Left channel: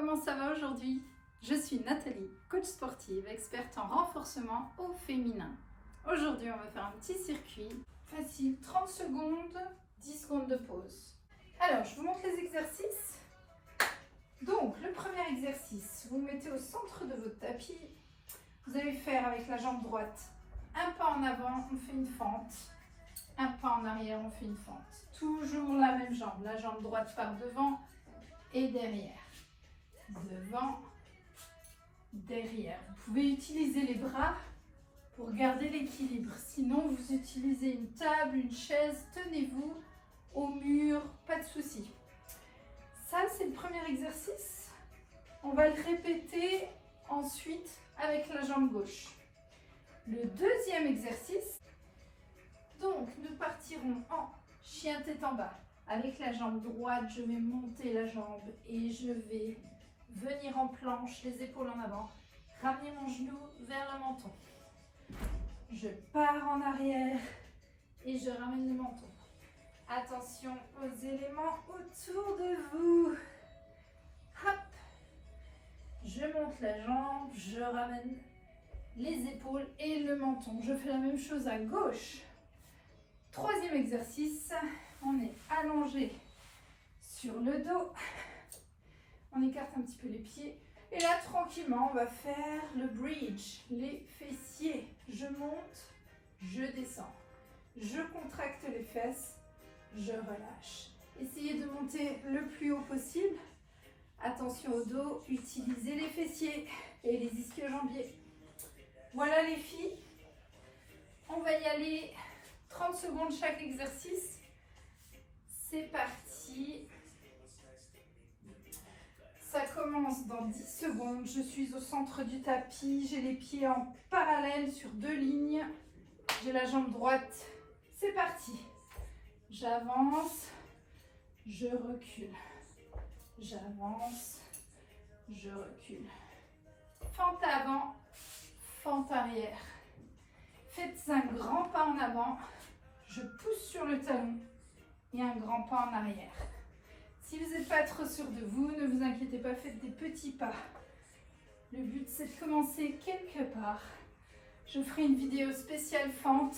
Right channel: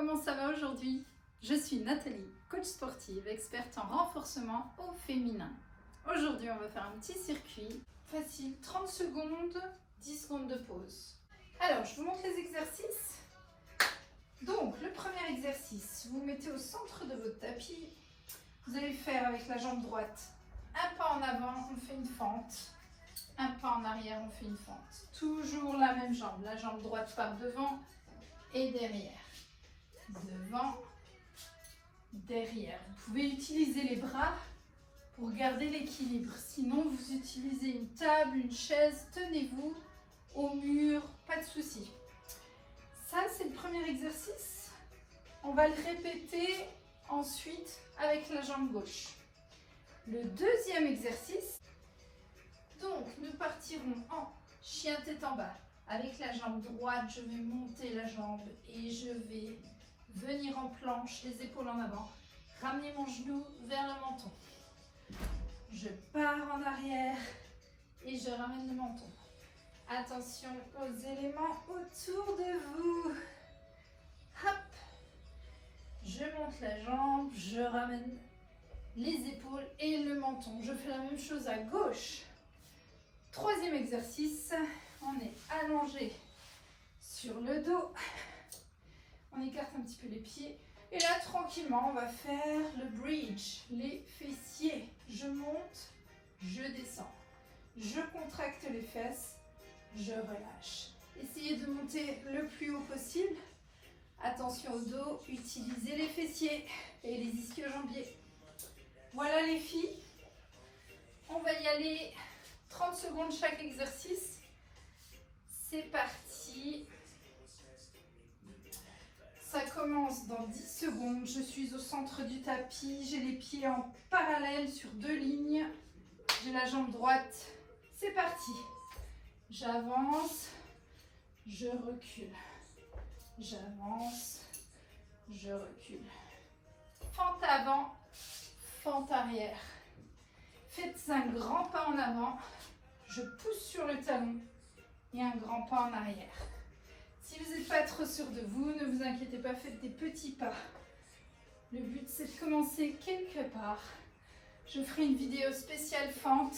comment ça va aujourd'hui? Je suis Nathalie, coach sportive, experte en renforcement au féminin. Aujourd'hui, on va faire un petit circuit facile, 30 secondes, 10 secondes de pause. Alors, je vous montre les exercices. Donc, le premier exercice, vous mettez au centre de votre tapis. Vous allez faire avec la jambe droite un pas en avant, on fait une fente. Un pas en arrière, on fait une fente. Toujours la même jambe. La jambe droite part devant et derrière. Devant, derrière. Vous pouvez utiliser les bras pour garder l'équilibre. Sinon, vous utilisez une table, une chaise. Tenez-vous au mur, pas de souci. Ça, c'est le premier exercice. On va le répéter ensuite avec la jambe gauche. Le deuxième exercice, donc nous partirons en chien tête en bas. Avec la jambe droite, je vais monter la jambe et je vais venir en planche, les épaules en avant. Ramener mon genou vers le menton. Je pars en arrière et je ramène le menton. Attention aux éléments autour de vous. Hop. Je monte la jambe, je ramène les épaules et le menton. Je fais la même chose à gauche. Troisième exercice, on est allongé sur le dos. On écarte un petit peu les pieds. Et là, tranquillement, on va faire le bridge, les fessiers. Je monte, je descends. Je contracte les fesses, je relâche. Essayez de monter le plus haut possible. Attention au dos, utilisez les fessiers et les ischio-jambiers. Voilà les filles. On va y aller 30 secondes chaque exercice. C'est parti. Ça commence dans 10 secondes. Je suis au centre du tapis. J'ai les pieds en parallèle sur 2 lignes. J'ai la jambe droite. C'est parti. J'avance. Je recule. J'avance. Je recule. Fente avant. Fente arrière. Faites un grand pas en avant. Je pousse sur le talon. Et un grand pas en arrière. Si vous n'êtes pas trop sûr de vous, ne vous inquiétez pas, faites des petits pas. Le but, c'est de commencer quelque part. Je ferai une vidéo spéciale fente.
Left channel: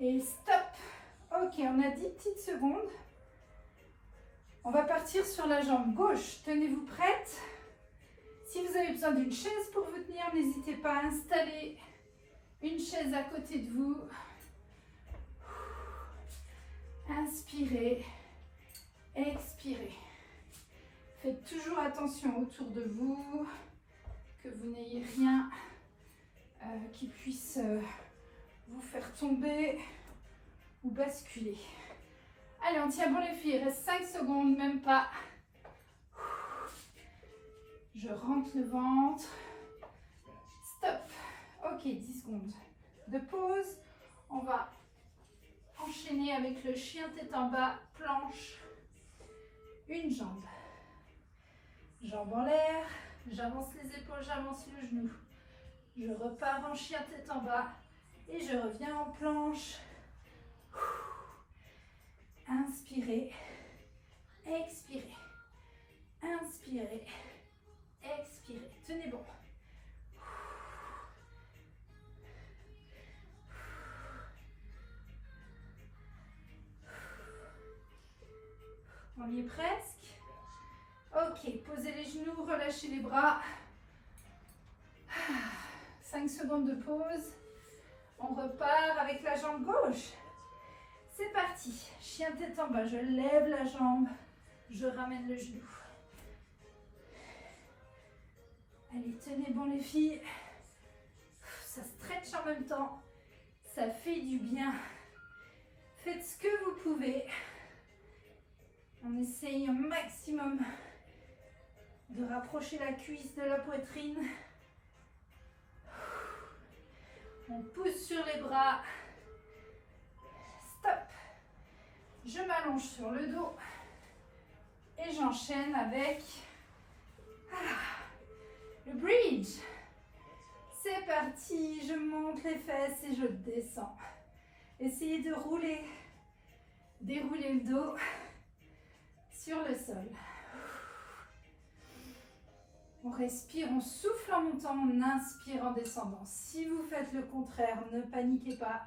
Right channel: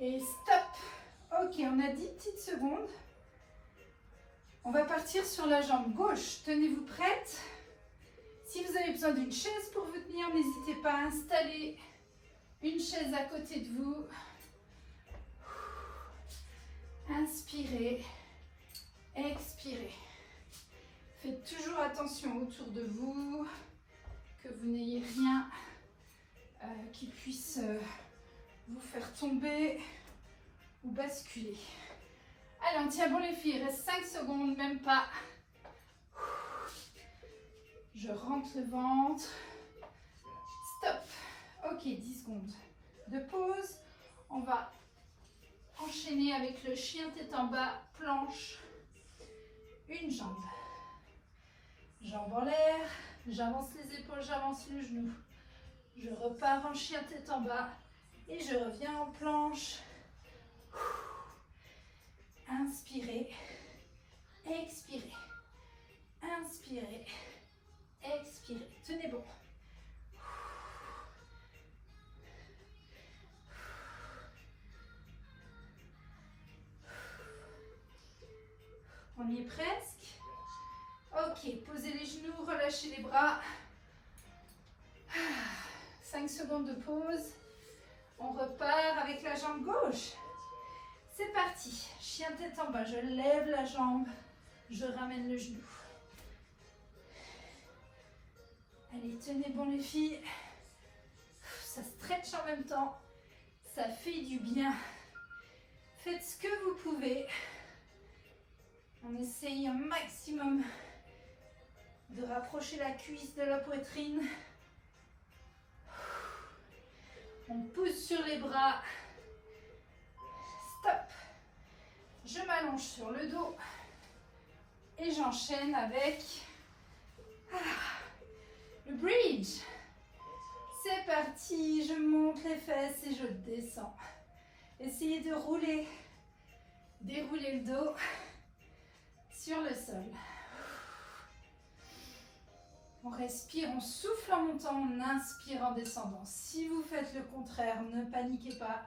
Et stop. Ok, on a 10 petites secondes. On va partir sur la jambe gauche. Tenez-vous prête. Si vous avez besoin d'une chaise pour vous tenir, n'hésitez pas à installer une chaise à côté de vous. Inspirez. Expirez. Faites toujours attention autour de vous, que vous n'ayez rien qui puisse vous faire tomber ou basculer. Allez, on tient bon les filles, il reste 5 secondes, même pas. Je rentre le ventre. Stop. Ok, 10 secondes de pause. On va enchaîner avec le chien tête en bas, planche. Une jambe. Jambe en l'air. J'avance les épaules, j'avance le genou. Je repars en chien tête en bas. Et je reviens en planche. Inspirez. Expirez. Inspirez. Expirez. Tenez bon. On y est presque. Ok, posez les genoux, relâchez les bras. 5 secondes de pause. On repart avec la jambe gauche. C'est parti. Chien tête en bas, je lève la jambe. Je ramène le genou. Allez, tenez bon les filles. Ça stretch en même temps. Ça fait du bien. Faites ce que vous pouvez. On essaye au maximum de rapprocher la cuisse de la poitrine. On pousse sur les bras. Stop. Je m'allonge sur le dos. Et j'enchaîne avec le bridge. C'est parti. Je monte les fesses et je descends. Essayez de rouler. Dérouler le dos sur le sol. respire, on souffle en montant, on inspire en descendant. Si vous faites le contraire, ne paniquez pas,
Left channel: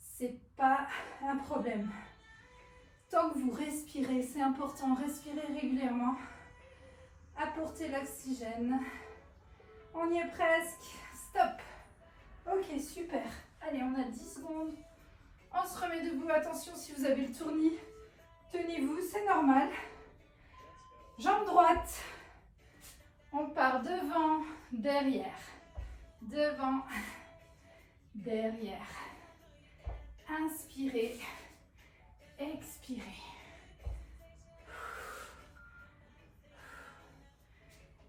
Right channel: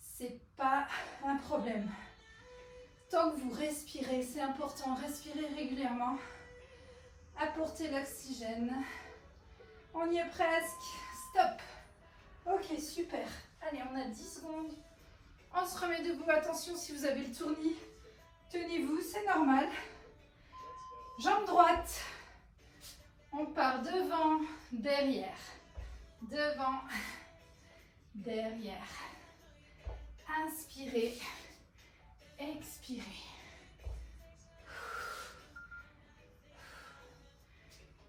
c'est pas un problème. Tant que vous respirez, c'est important, respirez régulièrement. Apportez l'oxygène. On y est presque. Stop. Ok, super. Allez, on a 10 secondes. On se remet debout. Attention, si vous avez le tournis, tenez-vous, c'est normal. Jambe droite. On part devant, derrière. Devant, derrière. Inspirez. Expirez.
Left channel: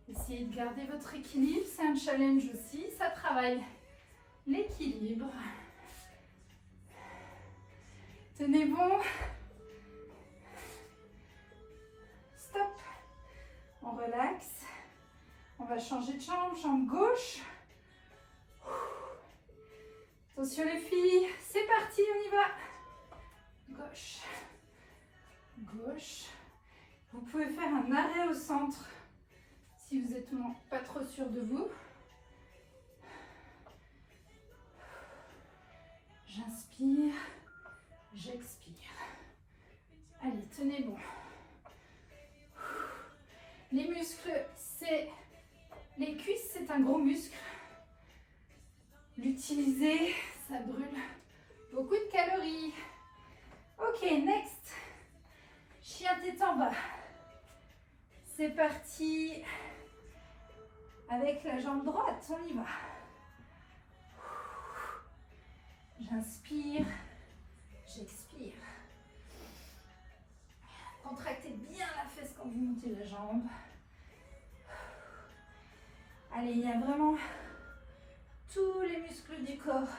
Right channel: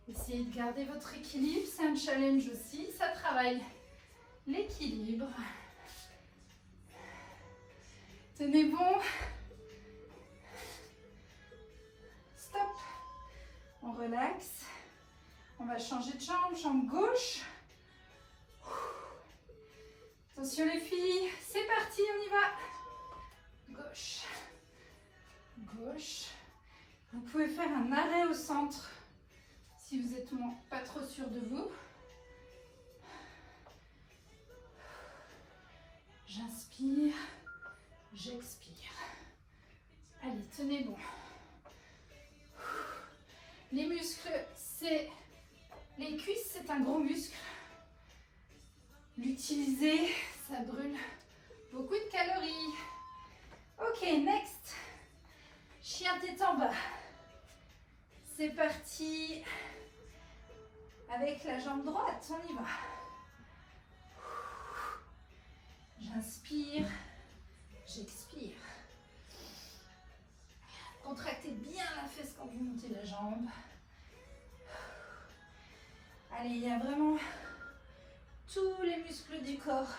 Essayez de garder votre équilibre, c'est un challenge aussi, ça travaille l'équilibre. Tenez bon. Stop. On relaxe. On va changer de jambe, jambe gauche. Attention les filles, c'est parti, on y va. Gauche. Gauche. Vous pouvez faire un arrêt au centre si vous n'êtes pas trop sûr de vous. J'inspire, j'expire. Allez, tenez bon. Les muscles, c'est... Les cuisses, c'est un gros muscle. L'utiliser, ça brûle beaucoup de calories. Ok, next. Chien tête en bas. C'est parti. Avec la jambe droite, on y va. J'inspire, j'expire. Contractez bien la fesse quand vous montez la jambe. Allez, il y a vraiment tous les muscles du corps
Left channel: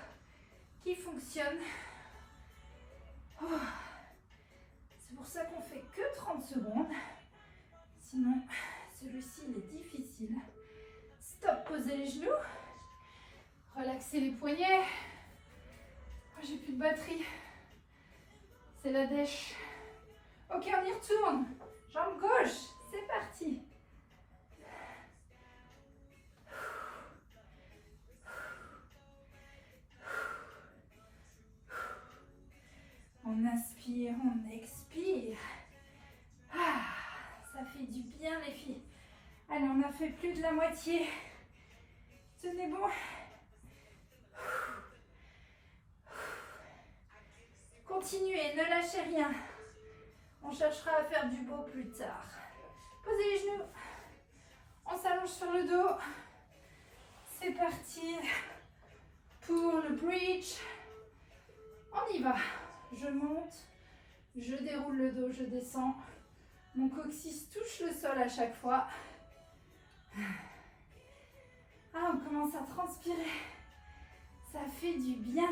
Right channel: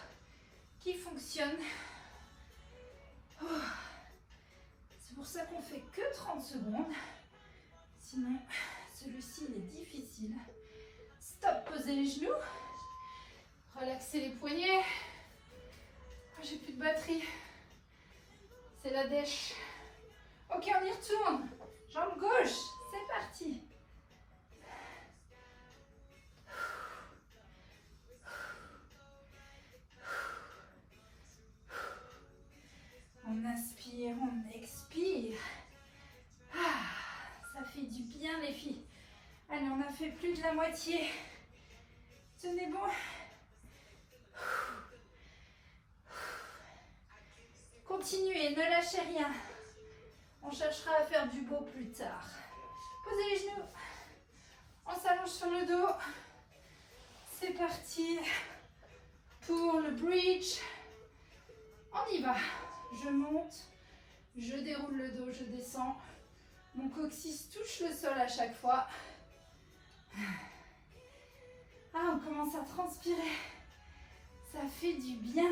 qui fonctionnent. C'est pour ça qu'on fait que 30 secondes. Sinon, celui-ci, il est difficile. Stop, posez les genoux. Relaxez les poignets. Oh, j'ai plus de batterie. C'est la dèche. Ok, on y retourne. Jambe gauche, c'est parti. On inspire, on expire. Ah, ça fait du bien les filles. Allez, on a fait plus de la moitié. Tenez bon. Continuez, ne lâchez rien. On cherchera à faire du beau plus tard. Posez les genoux. On s'allonge sur le dos. C'est parti pour le bridge. On y va. Je monte, je déroule le dos, je descends. Mon coccyx touche le sol à chaque fois. Ah, on commence à transpirer. Ça fait du bien.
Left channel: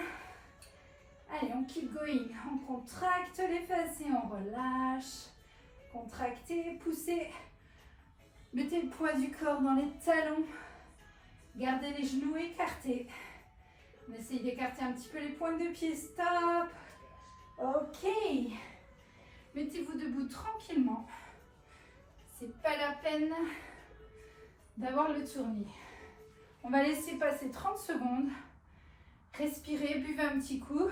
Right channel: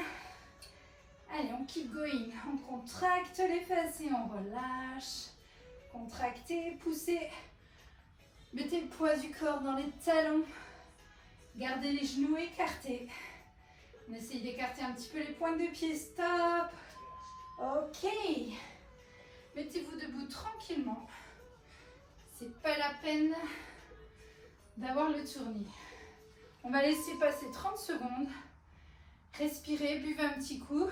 Allez, on keep going. On contracte les fesses et on relâche. Contractez, poussez. Mettez le poids du corps dans les talons. Gardez les genoux écartés. On essaye d'écarter un petit peu les pointes de pied. Stop. Ok. Mettez-vous debout tranquillement. C'est pas la peine d'avoir le tournis. On va laisser passer 30 secondes. Respirez, buvez un petit coup.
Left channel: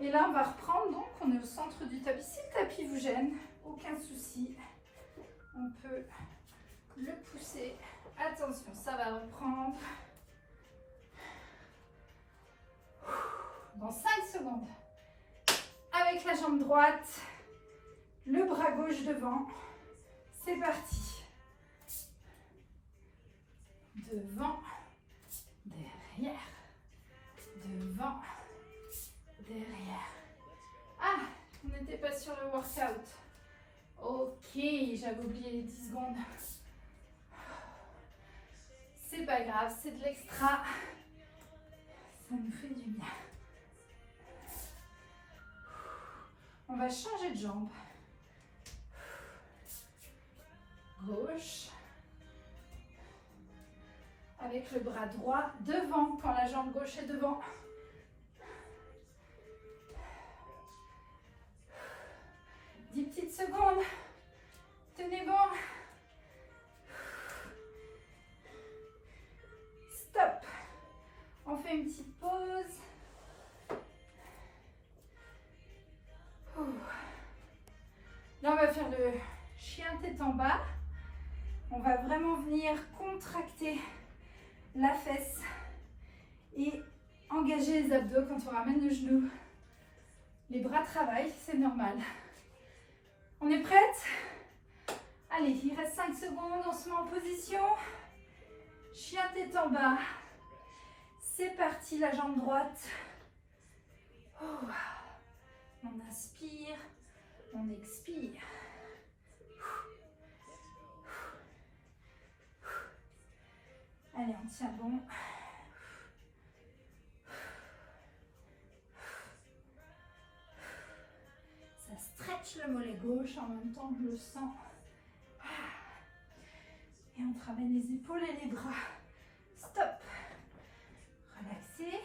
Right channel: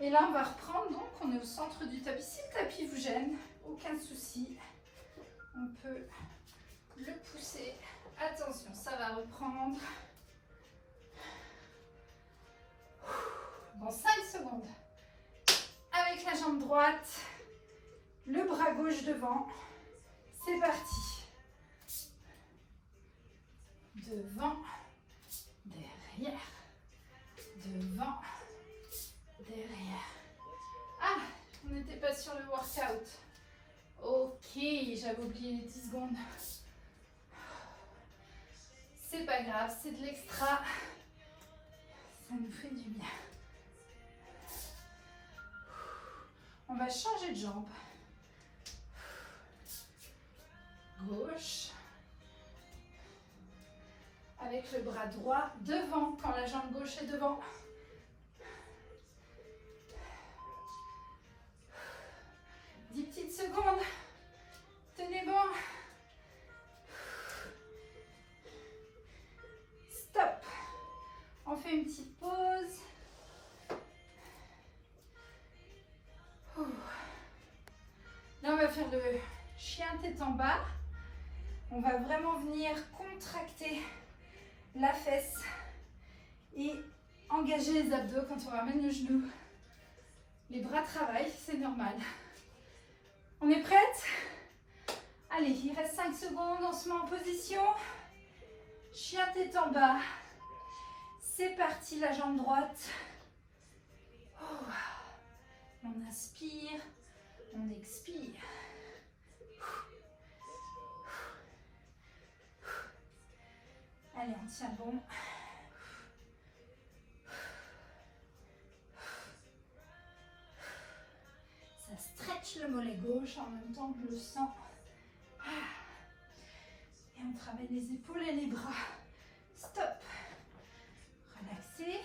Et là, on va reprendre. Donc, on est au centre du tapis. Si le tapis vous gêne, aucun souci. On peut le pousser. Attention, ça va reprendre. Dans 5 secondes. Avec la jambe droite, le bras gauche devant. C'est parti. Devant, derrière, devant, derrière. Ah, on n'était pas sur le workout. Ok, j'avais oublié les 10 secondes. C'est pas grave, c'est de l'extra. Ça nous fait du bien. On va changer de jambe. Gauche. Avec le bras droit devant quand la jambe gauche est devant. 10 petites faire le chien tête en bas. On va vraiment venir contracter la fesse et engager les abdos quand on ramène le genou. Les bras travaillent, c'est normal. On est prête? Allez, il reste 5 secondes, on se met en position. Chien tête en bas. C'est parti, la jambe droite. Oh. On inspire, on expire. Allez, on tient bon. Ça stretch le mollet gauche en même temps que je le sens. Et on travaille les épaules et les bras. Stop. Relaxez.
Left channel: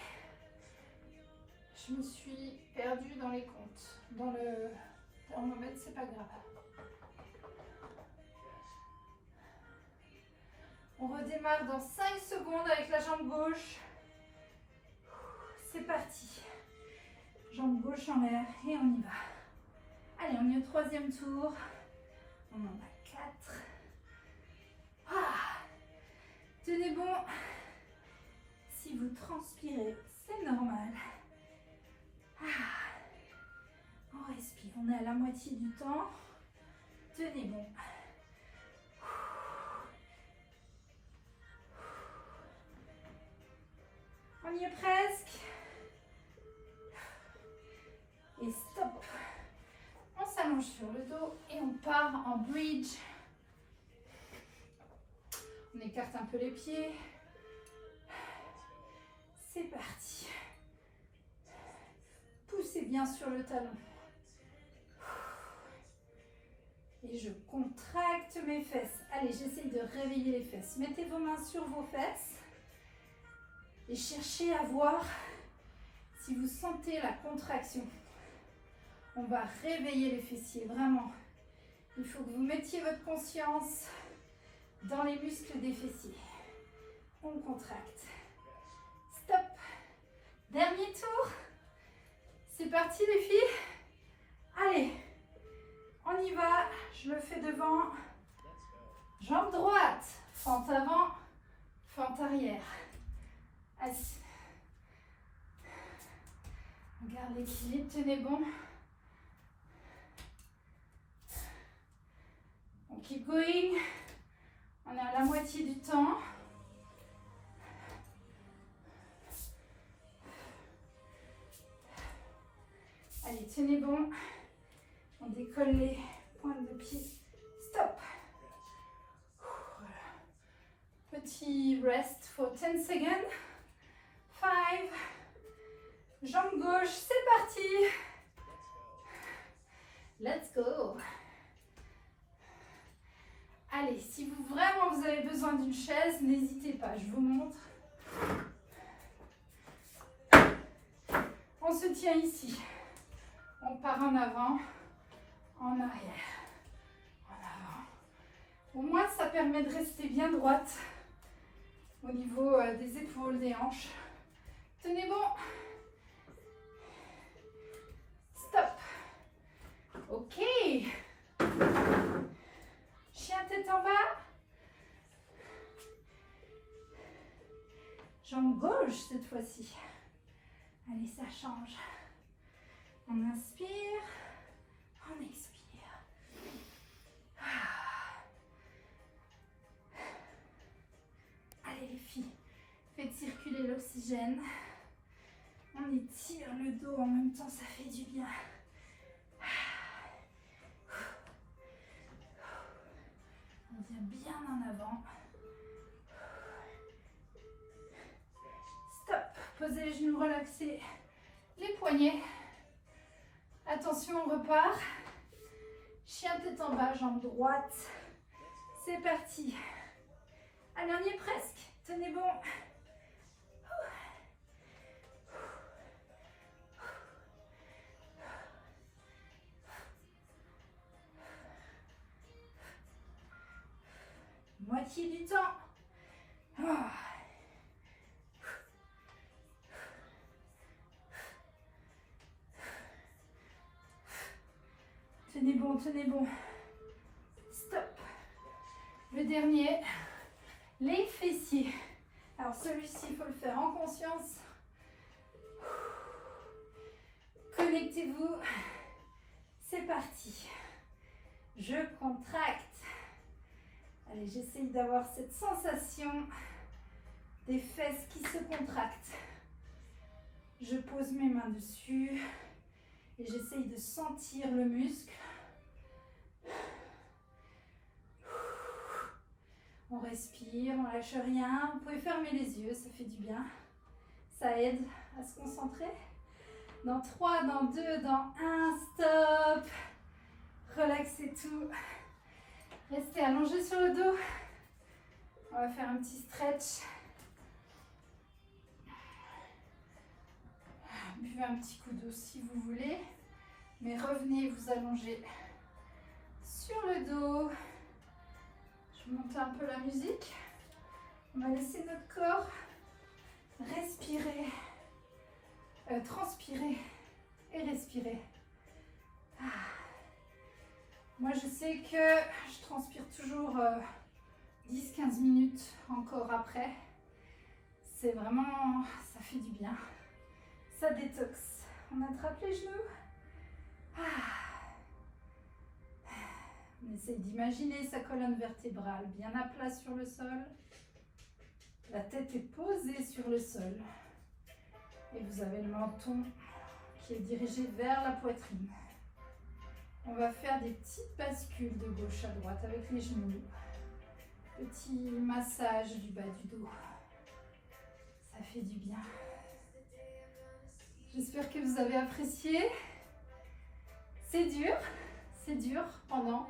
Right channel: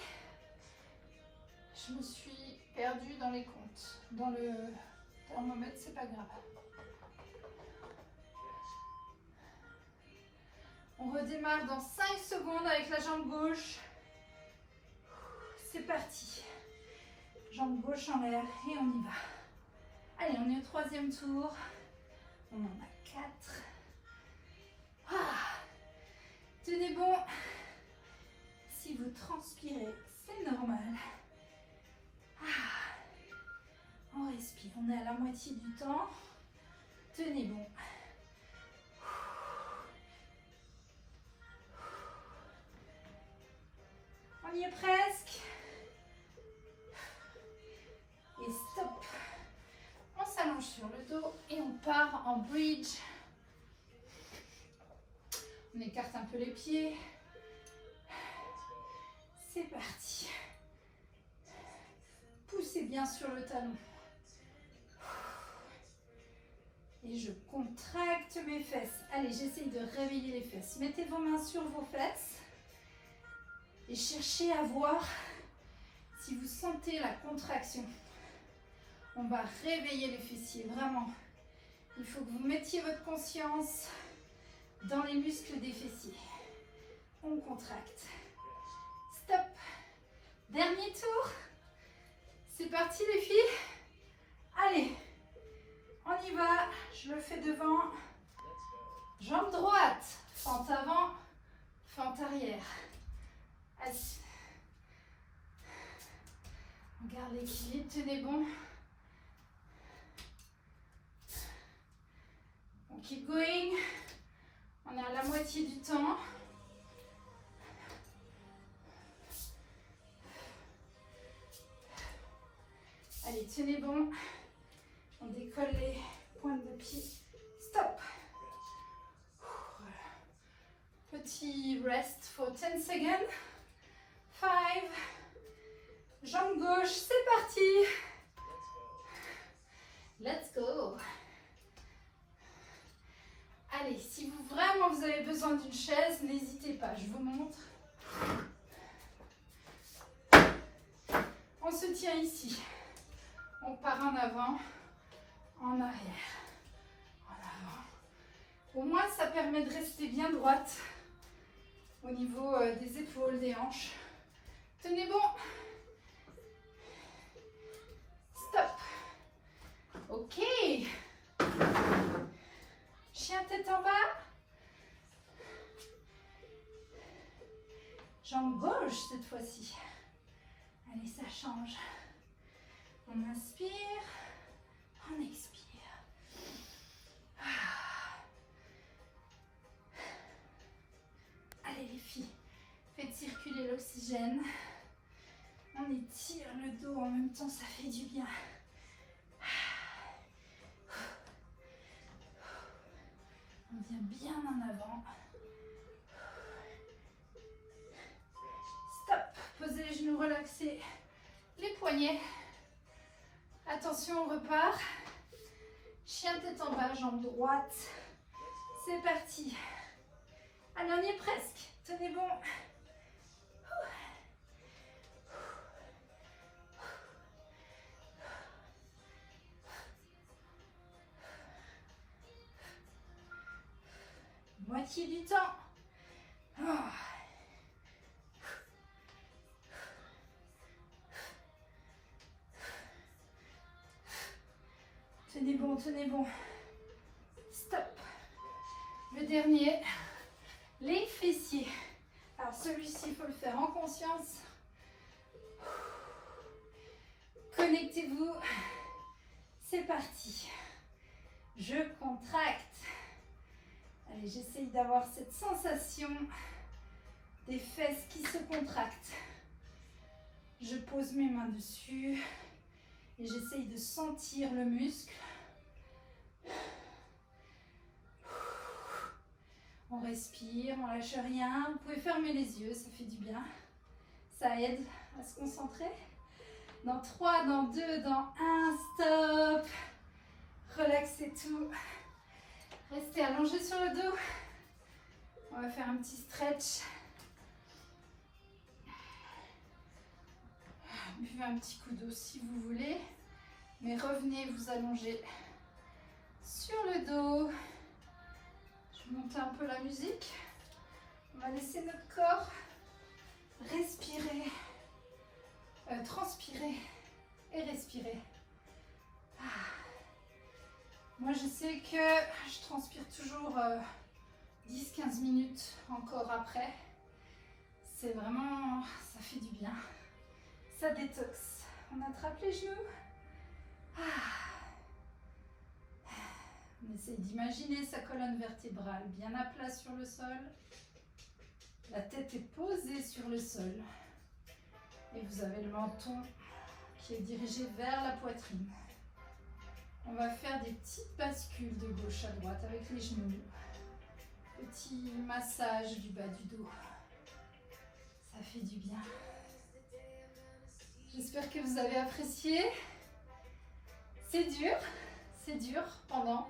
Je me suis perdue dans les comptes. Dans le thermomètre, c'est pas grave. On redémarre dans 5 secondes avec la jambe gauche. C'est parti. Jambe gauche en l'air et on y va. Allez, on est au 3e tour. On en a 4. Tenez bon. Si vous transpirez, c'est normal. On respire. On est à la moitié du temps. Tenez bon. On y est presque. Et stop. On s'allonge sur le dos et on part en bridge. On écarte un peu les pieds. C'est parti. Poussez bien sur le talon. Et je contracte mes fesses. Allez, j'essaye de réveiller les fesses. Mettez vos mains sur vos fesses. Et cherchez à voir si vous sentez la contraction. On va réveiller les fessiers, vraiment. Il faut que vous mettiez votre conscience dans les muscles des fessiers. On contracte. Stop. Dernier tour. C'est parti les filles. Allez, on y va. Je le fais devant. Jambe droite. Fente avant, fente arrière. Allez. On garde l'équilibre, tenez bon. On keep going. On est à la moitié du temps. Allez, tenez bon. On décolle les pointes de pied. Stop. Petit rest for 10 seconds. 5. Jambe gauche, c'est parti. Let's go. Allez, si vous avez besoin d'une chaise, n'hésitez pas, je vous montre. On se tient ici. On part en avant, en arrière, en avant. Au moins, ça permet de rester bien droite au niveau des épaules, des hanches. Tenez bon. Stop. Ok. Chien tête en bas. Jambe gauche cette fois-ci. Allez, ça change. On inspire, on expire. Allez les filles, faites circuler l'oxygène. On étire le dos en même temps, ça fait du bien. On vient bien en avant. Stop. Posez les genoux, relaxez les poignets. Attention, on repart. Chien tête en bas, jambe droite. C'est parti. Allez, on y est presque. Tenez bon. Moitié du temps. Tenez bon, tenez bon. Le dernier, les fessiers. Alors celui-ci, il faut le faire en conscience. Connectez-vous. C'est parti. Je contracte. Allez, j'essaye d'avoir cette sensation des fesses qui se contractent. Je pose mes mains dessus et j'essaye de sentir le muscle. On respire, on lâche rien. Vous pouvez fermer les yeux, ça fait du bien. Ça aide à se concentrer. Dans 3, dans 2, dans 1, stop. Relaxez tout. Restez allongé sur le dos. On va faire un petit stretch. Buvez un petit coup d'eau si vous voulez. Mais revenez vous allonger sur le dos. Je monte un peu la musique. On va laisser notre corps respirer, transpirer et respirer. Moi, je sais que je transpire toujours 10-15 minutes encore après. C'est vraiment, ça fait du bien. Ça détoxe. On attrape les genoux. On essaye d'imaginer sa colonne vertébrale bien à plat sur le sol. La tête est posée sur le sol. Et vous avez le menton qui est dirigé vers la poitrine. On va faire des petites bascules de gauche à droite avec les genoux. Petit massage du bas du dos. Ça fait du bien. J'espère que vous avez apprécié. C'est dur pendant,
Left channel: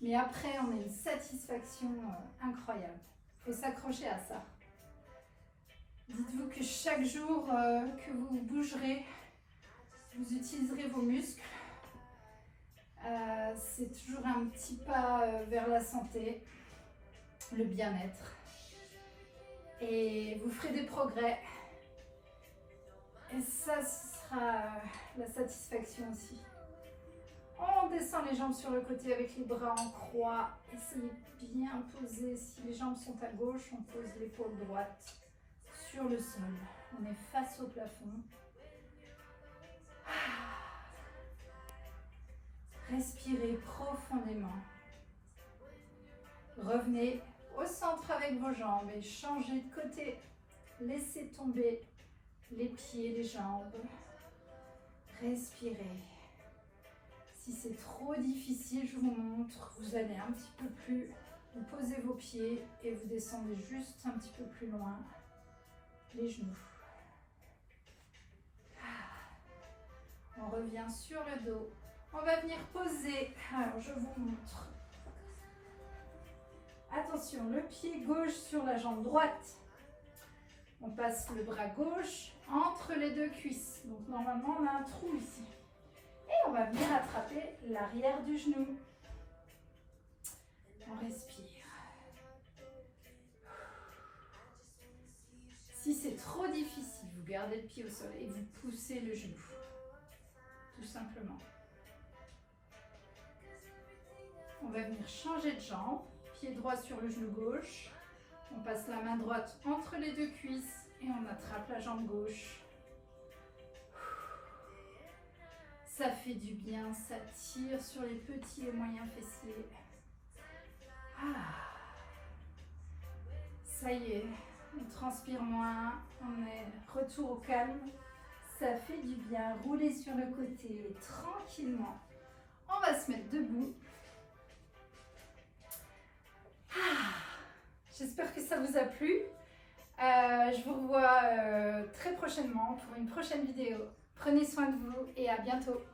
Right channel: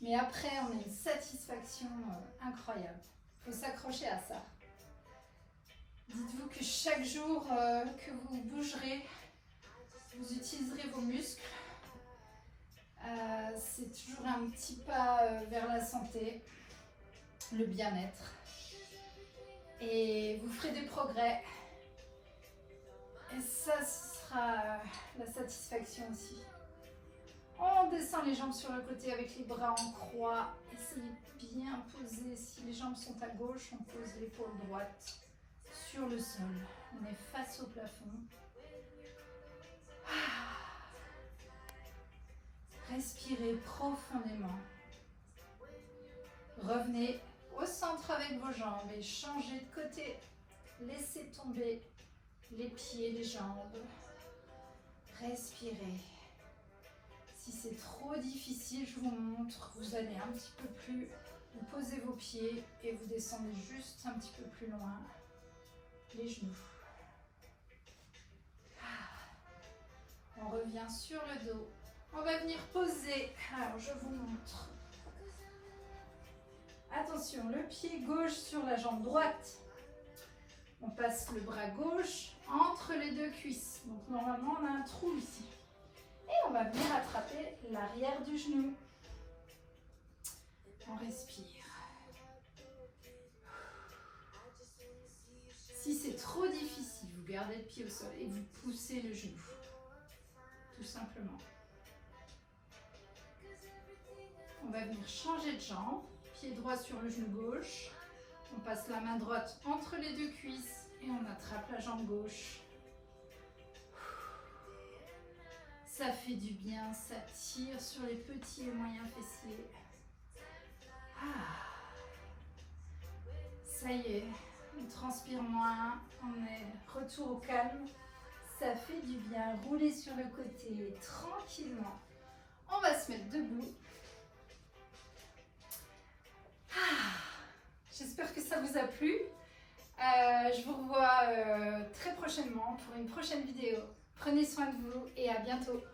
mais après on a une satisfaction incroyable. Il faut s'accrocher à ça. Dites-vous que chaque jour que vous bougerez, vous utiliserez vos muscles. C'est toujours un petit pas vers la santé, le bien-être. Et vous ferez des progrès. Et ça, ce sera la satisfaction aussi. On descend les jambes sur le côté avec les bras en croix. Essayez de bien poser. Si les jambes sont à gauche, on pose l'épaule droite sur le sol. On est face au plafond. Respirez profondément. Revenez au centre avec vos jambes et changez de côté. Laissez tomber les pieds, les jambes. Respirez. Si c'est trop difficile, je vous montre. Vous allez un petit peu plus. Vous posez vos pieds et vous descendez juste un petit peu plus loin. Les genoux. On revient sur le dos. On va venir poser. Alors, je vous montre. Attention, le pied gauche sur la jambe droite. On passe le bras gauche entre les deux cuisses. Donc, normalement, on a un trou ici. Et on va venir attraper l'arrière du genou. On respire. Si c'est trop difficile, vous gardez le pied au sol et vous poussez le genou. Tout simplement. On va venir changer de jambe. Pied droit sur le genou gauche. On passe la main droite entre les deux cuisses et on attrape la jambe gauche. Ça fait du bien, ça tire sur les petits et moyens fessiers. Ça y est, on transpire moins, on est retour au calme. Ça fait du bien, roulez sur le côté tranquillement. On va se mettre debout. J'espère que ça vous a plu. Je vous revois très prochainement pour une prochaine vidéo. Prenez soin de vous et à bientôt.